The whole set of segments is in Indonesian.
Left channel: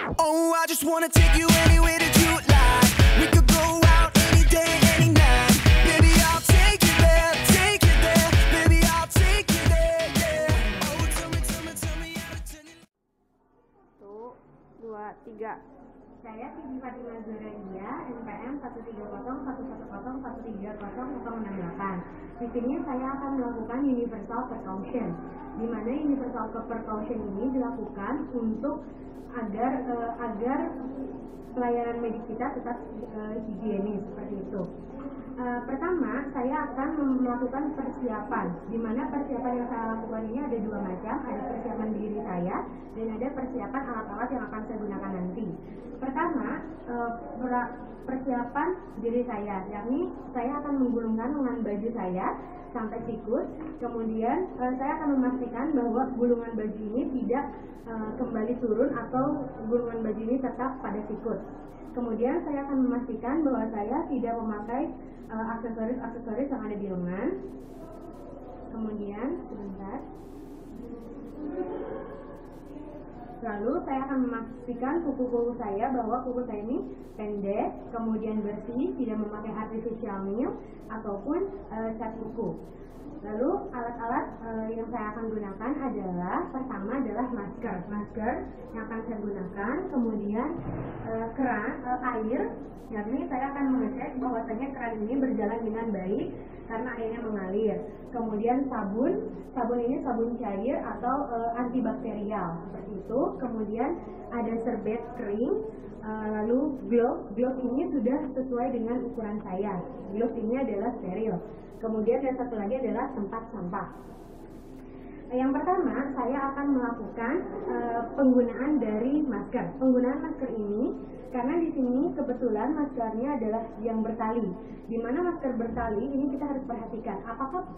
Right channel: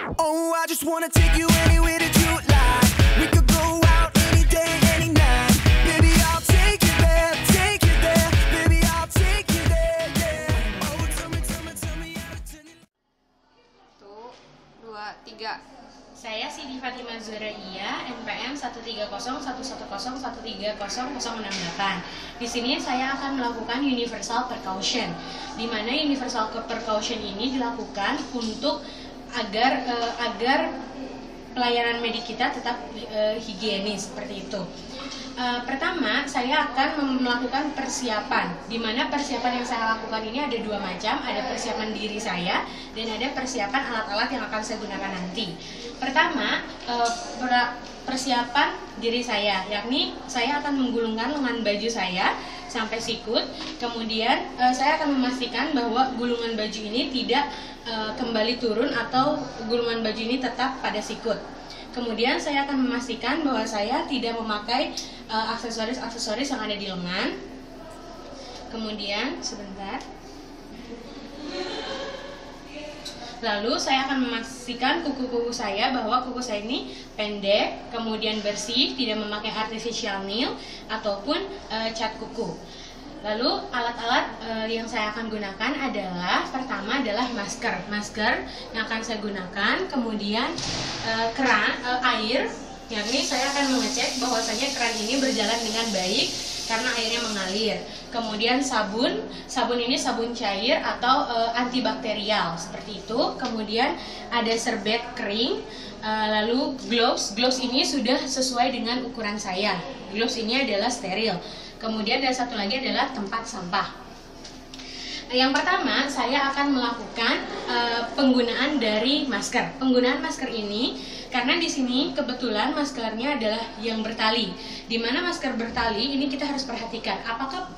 Oh, I just wanna take you anywhere that you like. We could go out any day, any night. Baby, I'll take you there, take you there. Baby, I'll take you there, yeah. Oh, tell me how to tell you. 1, 2, 3. Saya Siti Fatimah Zuraia, NPM 130110130130068. Di sini saya akan melakukan universal percussion, di mana universal percussion ini dilakukan untuk agar pelayanan medik kita tetap higienis seperti itu. Pertama, saya akan melakukan persiapan, di mana persiapan yang saya lakukan ini ada 2 macam, ada persiapan diri saya dan ada persiapan alat-alat yang akan saya gunakan nanti. Pertama, persiapan diri saya, yakni saya akan menggulungkan lengan baju saya sampai sikut. Kemudian saya akan memastikan bahwa gulungan baju ini tidak kembali turun atau gulungan baju ini tetap pada sikut. Kemudian saya akan memastikan bahwa saya tidak memakai aksesoris-aksesoris yang ada di lengan. Kemudian sebentar. Lalu saya akan memastikan kuku-kuku saya bahwa kuku saya ini pendek, kemudian bersih, tidak memakai artificial nail ataupun cat kuku. Lalu alat-alat yang saya akan gunakan adalah, pertama adalah masker yang akan saya gunakan, kemudian keran air, yakni saya akan mengecek bahwasanya keran ini berjalan dengan baik karena airnya mengalir. Kemudian sabun ini sabun cair atau antibakterial seperti itu. Kemudian ada serbet kering, lalu gloves ini sudah sesuai dengan ukuran saya. Gloves ini adalah steril. Kemudian ada satu lagi adalah tempat sampah. Yang pertama, saya akan melakukan penggunaan dari masker. Penggunaan masker ini karena di sini kebetulan maskernya adalah yang bertali. Di mana masker bertali ini kita harus perhatikan apakah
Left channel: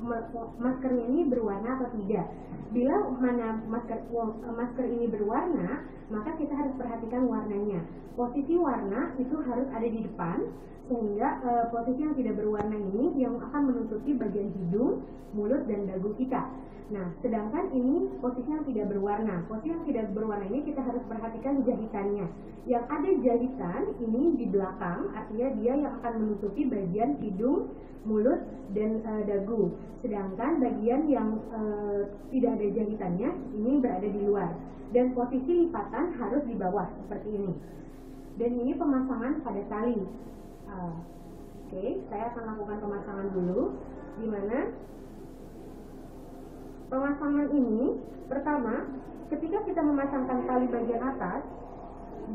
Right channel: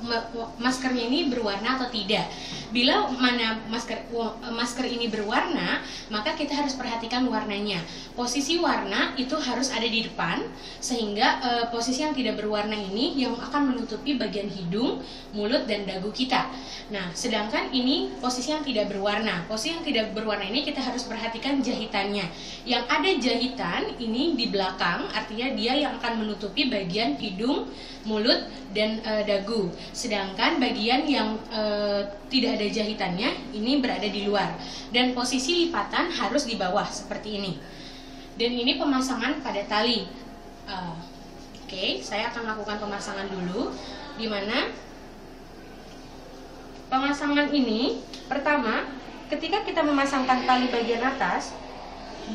maskernya ini berwarna atau tidak. Bila mana masker ini berwarna, maka kita harus perhatikan warnanya. Posisi warna itu harus ada di depan, sehingga posisi yang tidak berwarna ini yang akan menutupi bagian hidung, mulut, dan dagu kita. Nah, sedangkan ini posisi yang tidak berwarna. Posisi yang tidak berwarna ini kita harus perhatikan jahitannya. Yang ada jahitan ini di belakang, artinya dia yang akan menutupi bagian hidung, mulut, dan dagu. Sedangkan bagian yang tidak ada jahitannya ini berada di luar. Dan posisi lipatan harus di bawah seperti ini. Dan ini pemasangan pada tali. Oke, saya akan lakukan pemasangan dulu, di mana pemasangan ini pertama, ketika kita memasangkan tali bagian atas,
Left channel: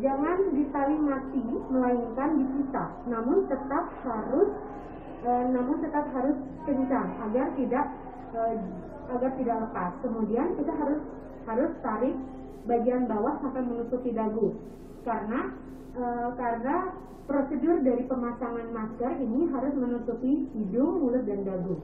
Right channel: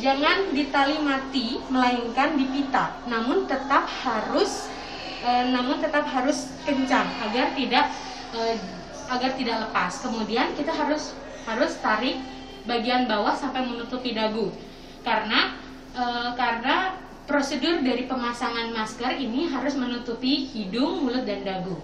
jangan ditali mati melainkan dipita, namun tetap harus kencang agar tidak lepas. Kemudian kita harus tarik bagian bawah sampai menutupi dagu, karena prosedur dari pemasangan masker ini harus menutupi hidung, mulut, dan dagu.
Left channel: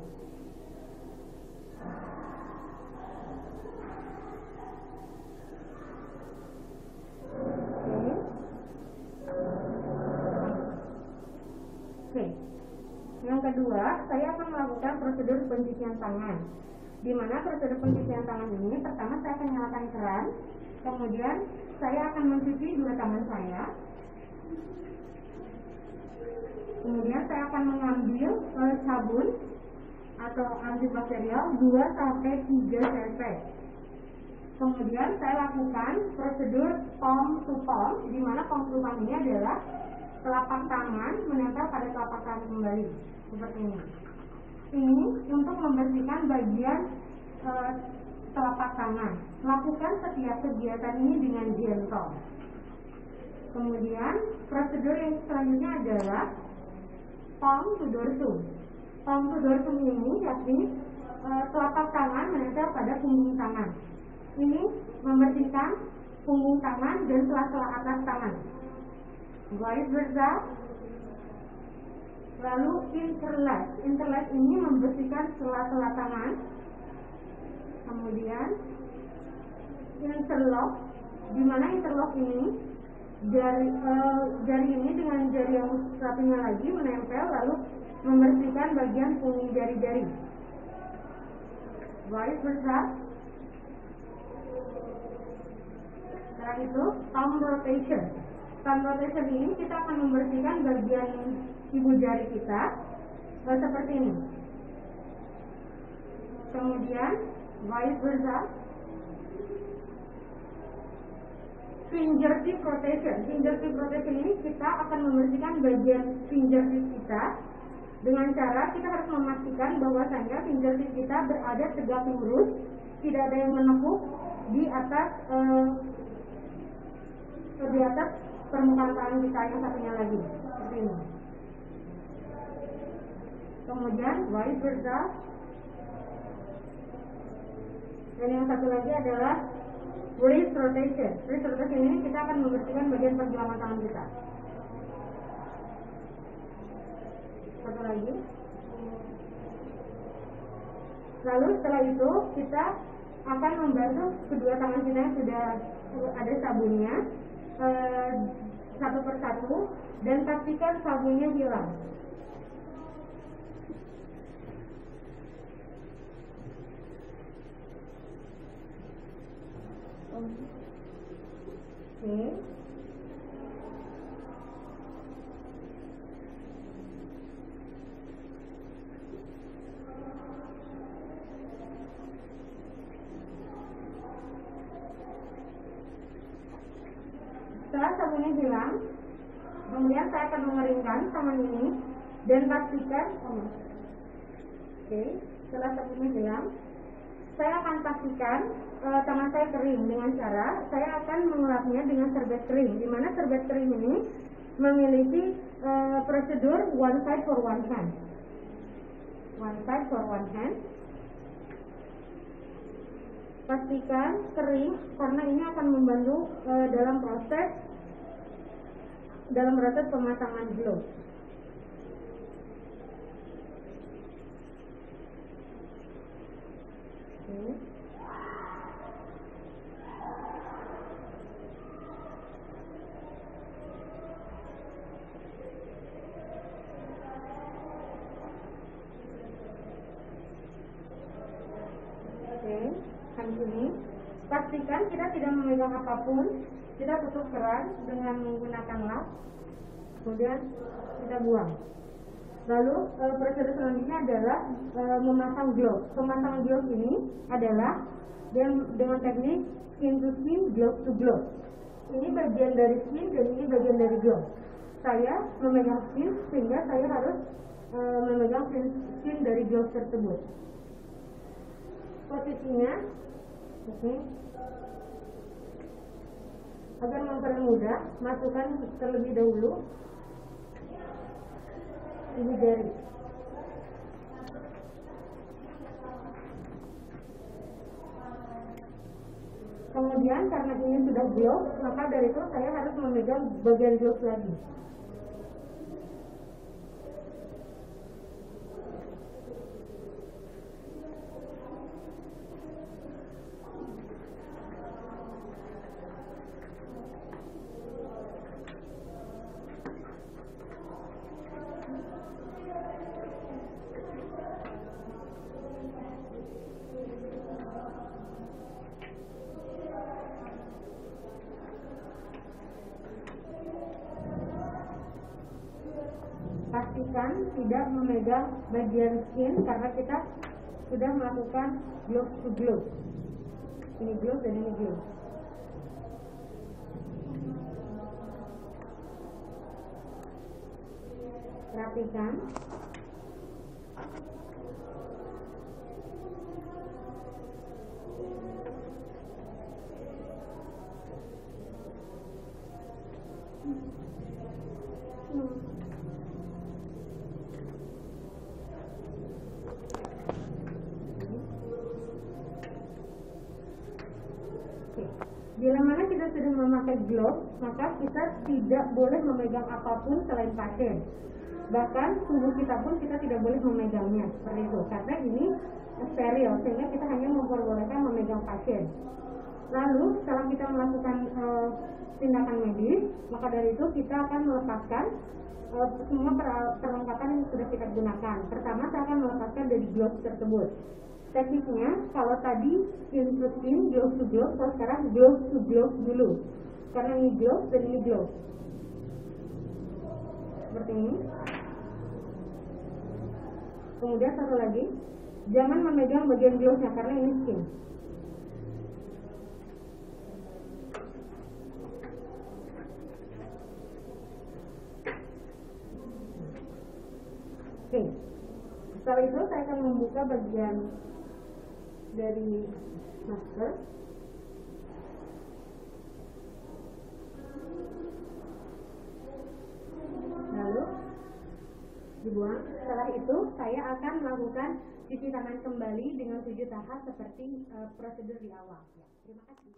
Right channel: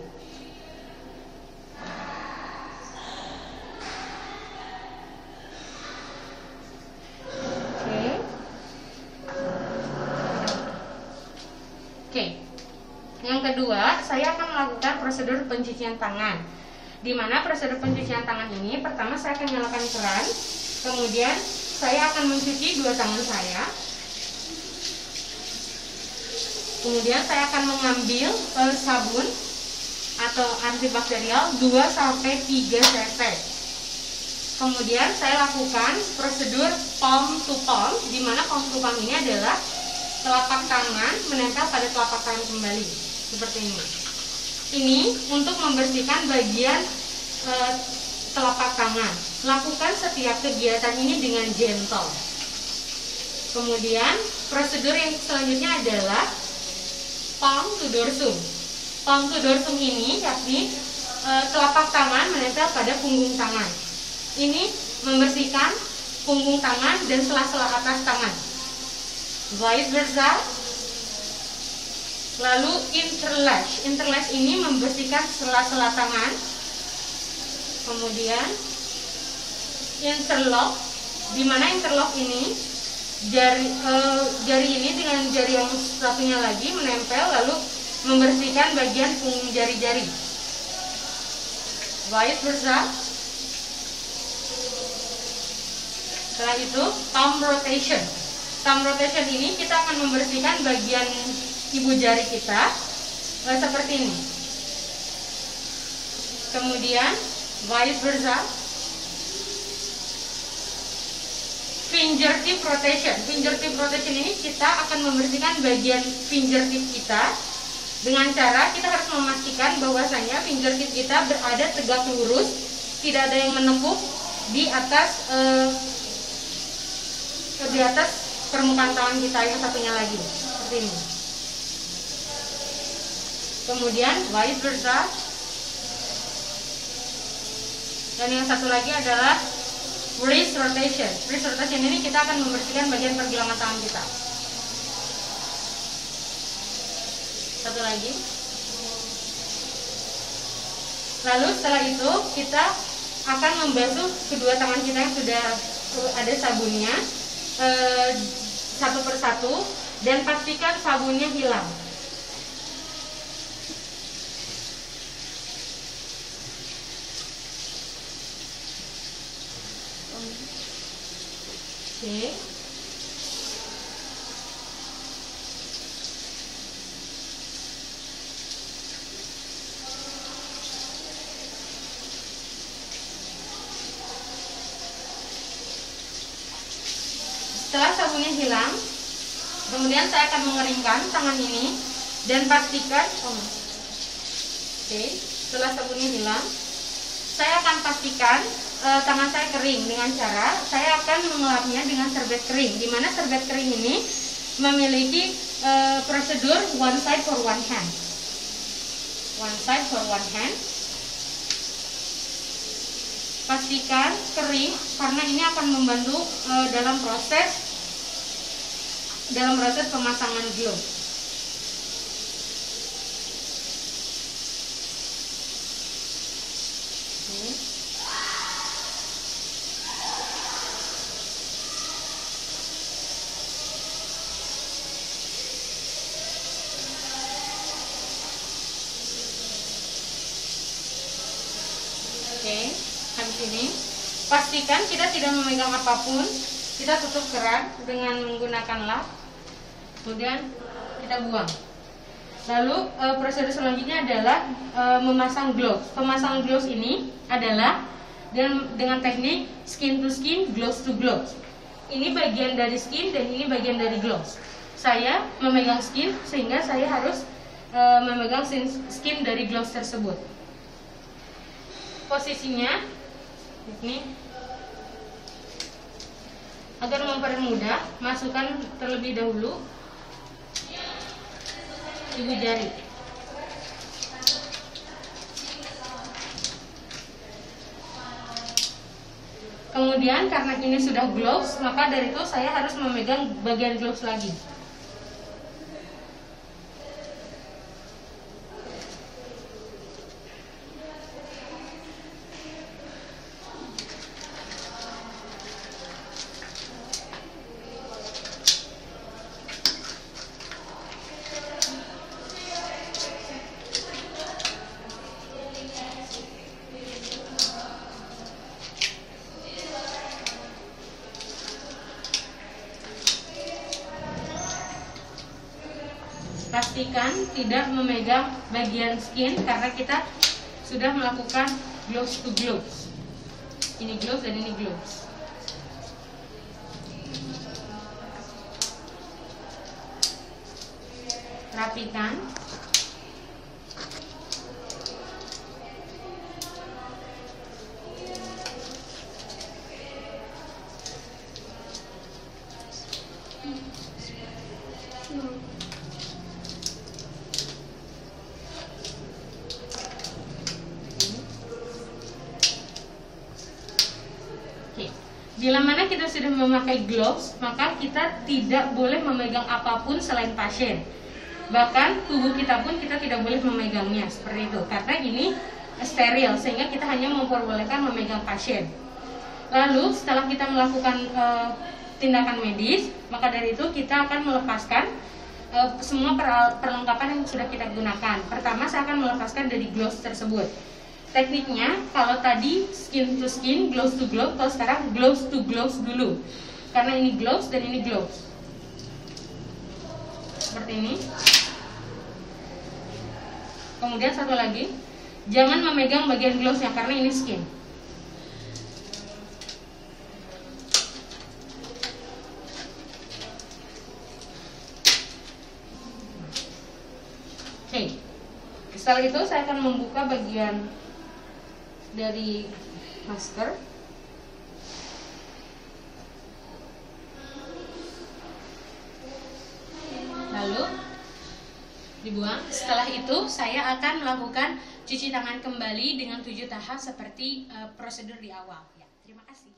Oke. Yang kedua, saya akan melakukan prosedur pencucian tangan. Di mana prosedur pencucian tangan ini, pertama saya akan nyalakan keran, kemudian saya akan mencuci 2 tangan saya. Kemudian saya akan mengambil sabun atau antibakterial 2-3 cc. Kemudian saya lakukan prosedur palm to palm, di mana palm to palm ini adalah telapak tangan menempel pada telapak tangan kembali seperti ini. Ini untuk membersihkan bagian telapak tangan. Lakukan setiap kegiatan ini dengan gentle. Kemudian prosedur yang selanjutnya adalah palm to dorsum. Palm to dorsum ini yakni telapak tangan menempel pada punggung tangan. Ini membersihkan punggung tangan dan sela-sela atas tangan. Vice versa. Lalu interlace. Interlace ini membersihkan sela-sela tangan. Kemudian interlock, di mana interlock ini jari ini dengan jari yang satunya lagi menempel lalu membersihkan bagian punggung jari-jari. Vice versa. Setelah itu thumb rotation. Thumb rotation ini kita akan membersihkan bagian ibu jari kita seperti ini. Kemudian vice versa. Fingertip rotation. Fingertip rotation ini kita akan membersihkan bagian fingertip kita dengan cara kita harus memastikan bahwasanya fingertip kita berada tegak lurus, tidak ada yang menekuk di atas permukaan tangan kita yang satunya lagi, seperti ini. Kemudian vice versa. Dan yang satu lagi adalah wrist rotation. Wrist rotation ini kita akan membersihkan bagian pergelangan tangan kita. Satu lagi. Lalu setelah itu kita akan membasuh kedua tangan kita yang sudah ada sabunnya satu persatu, dan pastikan sabunnya hilang. Oke. Setelah sabunnya hilang, kemudian saya akan mengeringkan tangan ini dan pastikan setelah sabunnya hilang, saya akan pastikan tangan saya kering dengan cara saya akan mengelapnya dengan serbet kering, di mana serbet kering ini memiliki prosedur one side for one hand. One side for one hand. Pastikan kering karena ini akan membantu dalam proses pemasangan glove. Oke, habis ini pastikan kita tidak memegang apapun. Kita tutup keran dengan menggunakan lap, kemudian kita buang. Lalu prosedur selanjutnya adalah memasang gloves. Pemasangan gloves ini adalah dengan teknik skin to skin, gloves to gloves. Ini bagian dari skin dan ini bagian dari gloves. Saya memegang skin sehingga saya harus memegang skin dari gloves tersebut. Posisinya ini agar mempermudah, masukkan terlebih dahulu ibu jari. Kemudian karena ini sudah gloves, maka dari itu saya harus memegang bagian gloves lagi. Pastikan tidak memegang bagian skin karena kita sudah melakukan gloves to gloves. Ini gloves dan ini gloves. Rapikan. Bila mana kita sudah memakai gloves, maka kita tidak boleh memegang apapun selain pasien. Bahkan tubuh kita pun kita tidak boleh memegangnya seperti itu, karena ini steril sehingga kita hanya memperbolehkan memegang pasien. Lalu setelah kita melakukan tindakan medis, maka dari itu kita akan melepaskan semua perlengkapan yang sudah kita gunakan. Pertama saya akan melepaskan dari gloves tersebut. tekniknya kalau tadi skin to skin, gloves to glove, kalau sekarang gloves to gloves dulu. Karena ini gloves dan ini gloves. Seperti ini. Kemudian satu lagi, jangan memegang bagian glovesnya karena ini skin. Oke, setelah itu saya akan membuka bagian dari masker. Lalu dibuang. Setelah itu saya akan melakukan cuci tangan kembali dengan 7 tahap seperti prosedur di awal. Ya, terima kasih.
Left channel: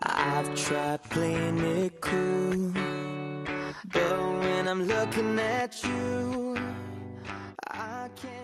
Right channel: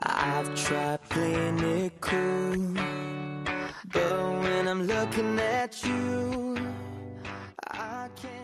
I've tried playing it cool, but when I'm looking at you, I can't